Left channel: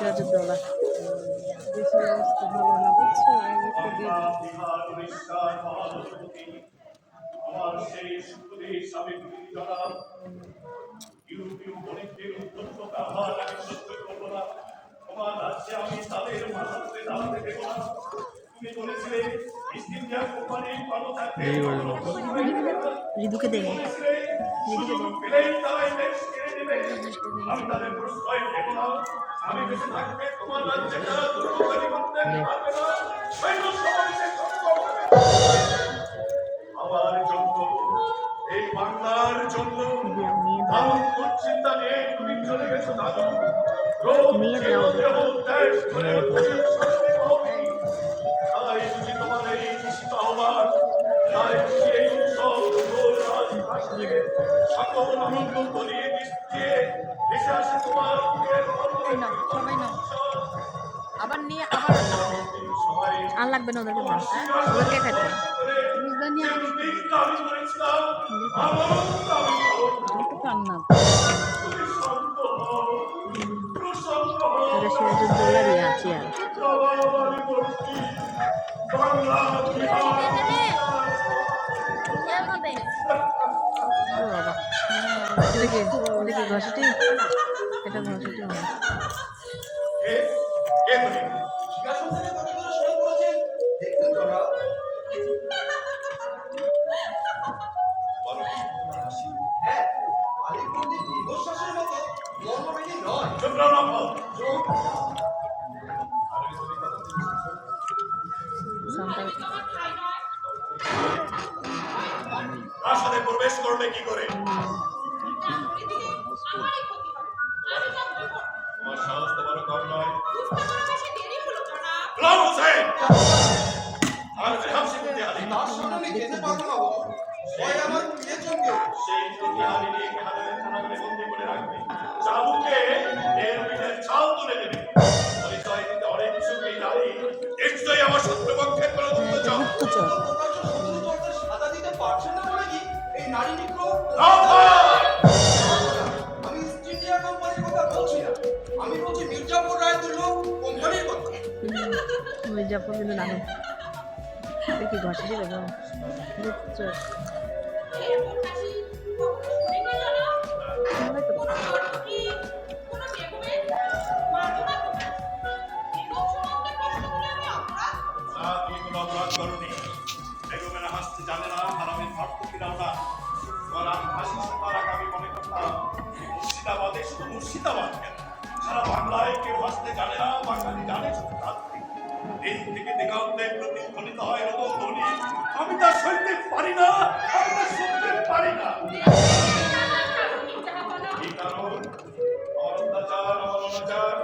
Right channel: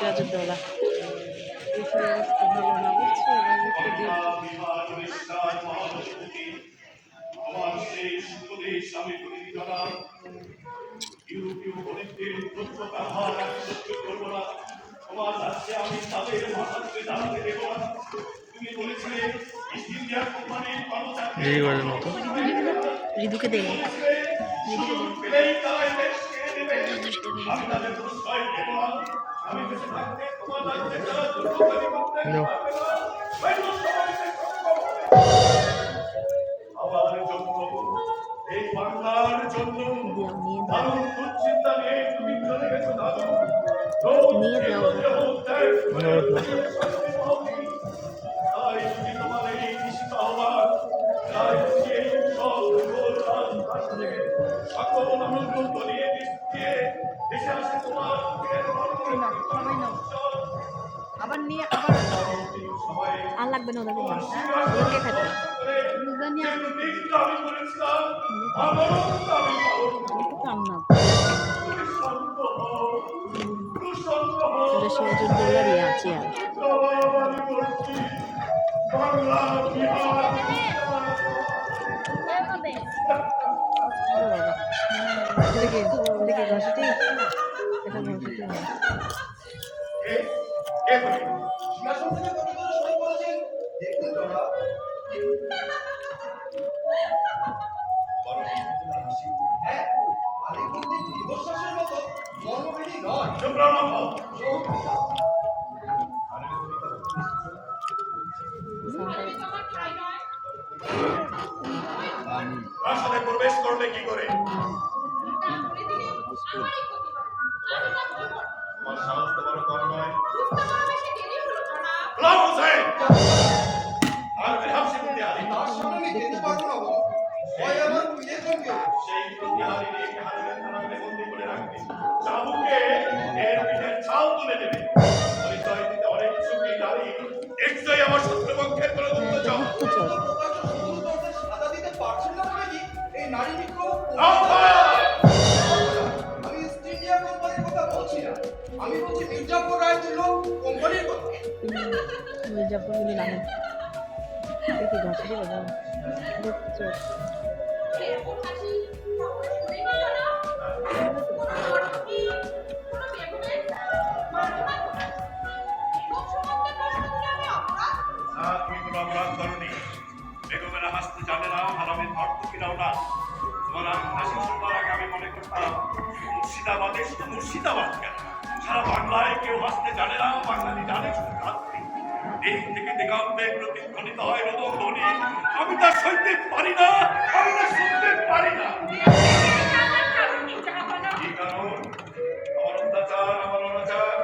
সিরাজউদ্দৌলা দেশের অবস্থা ভালো না বুঝছো আমার সেই সুদেশ আমি জনাব ইউরোপীয় গণিতের উদ্ভূত ব্যবহার আমি সহ্য করবো না। তোমার রাজ্যে আমি তাদের মাথাতে দাঁড়াতে দেবো না। তুমি বলেছিলে ইস্ট ইন্ডিয়া কোম্পানির কর্মচারী ঋতুকে দেয় পেলেই তারা এই দেশ ছেড়ে দেবে। আমি তাদের প্রশ্রয় দেব না। আমি বেঁচে থাকতে তোমার রাজ্যে তারা দুর্গতি করতে পারবে না। আমার জন্য এই বাংলার জন্য দারুণ দুশ্চিন্তা নিয়ে তুমি চলে গেছো দাদু। তাই বুঝি তোমার এই নিশ্চিত আহ্বান, তাই বুঝি এই সব সকল আনন্দ তলিয়ে দিয়ে দেশে আসে তোমার আবার নিয়ে সবাই আর লাগবে না ওদেরকে সিরাজউদ্দৌলারই আছি আর ওদিকে ঘষটি এটা ঘষটি প্রাসাদে প্রবেশ করলে কি করে? তোমার সাহস তো বড় কম নয়। সেই প্রতিহারি নিয়ে থানাতে বন্দি করে রাখবে। চাবুকে এর পিঠের ছাল তুলে দেবে। পরিচয় দিতে অনেক সুখী নারী নিশ্চয়ই আমার শত্রুপক্ষের কোনো গুপ্তচর। নারী মিত্র আমি ইস্ট ইন্ডিয়া কোম্পানির কথা বলছি না, আমি বলছি মির্জাপুর রায়তুল্য কোম্পানির কথা। মির্জাপুর কিন্তু নাম কি ঘষে দিল তুমি কোনো অপরাধ করনি। বেগমেরা হাসতে জানে না, হারামের ভর্তুকিরাও না। তোমার হাসি শোনার আগে আমি মনে করতাম মুর্শিদাবাদে শুধু মুর্শিদাবাদ কেন, সারা বাংলায় কেউ হাসতে জানে না, বাঙালি জানে শুধু রাত্রি। এই থেকে দিগন্তে প্রতিধ্বনিত হয় রোদন ধ্বনি। আমি তা সইতে পারি না, আমি তা শুনতে পারি না। কি কারণ? আমার অত্যাচার, আমার অনাচার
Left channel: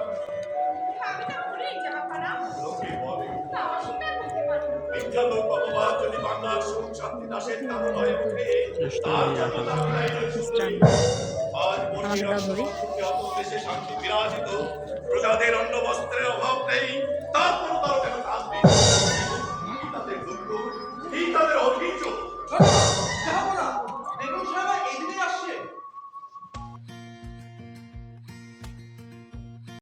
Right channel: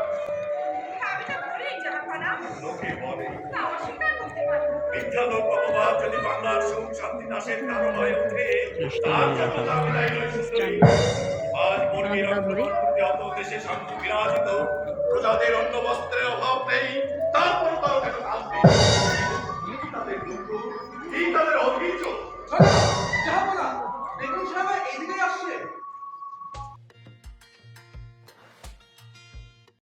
লোকে বলে। মিথ্যা লোক অপবাদ যদি বাংলার সুখ শান্তি নাশের কারণ হয়ে ওঠে, তার জন্য দাবি দায়ী নয় সুন্দরী। আজ বর্গীর অত দেশে শান্তি বিরাজিত, প্রজাদের অন্ন বস্ত্রের অভাব নেই, তারপর তারা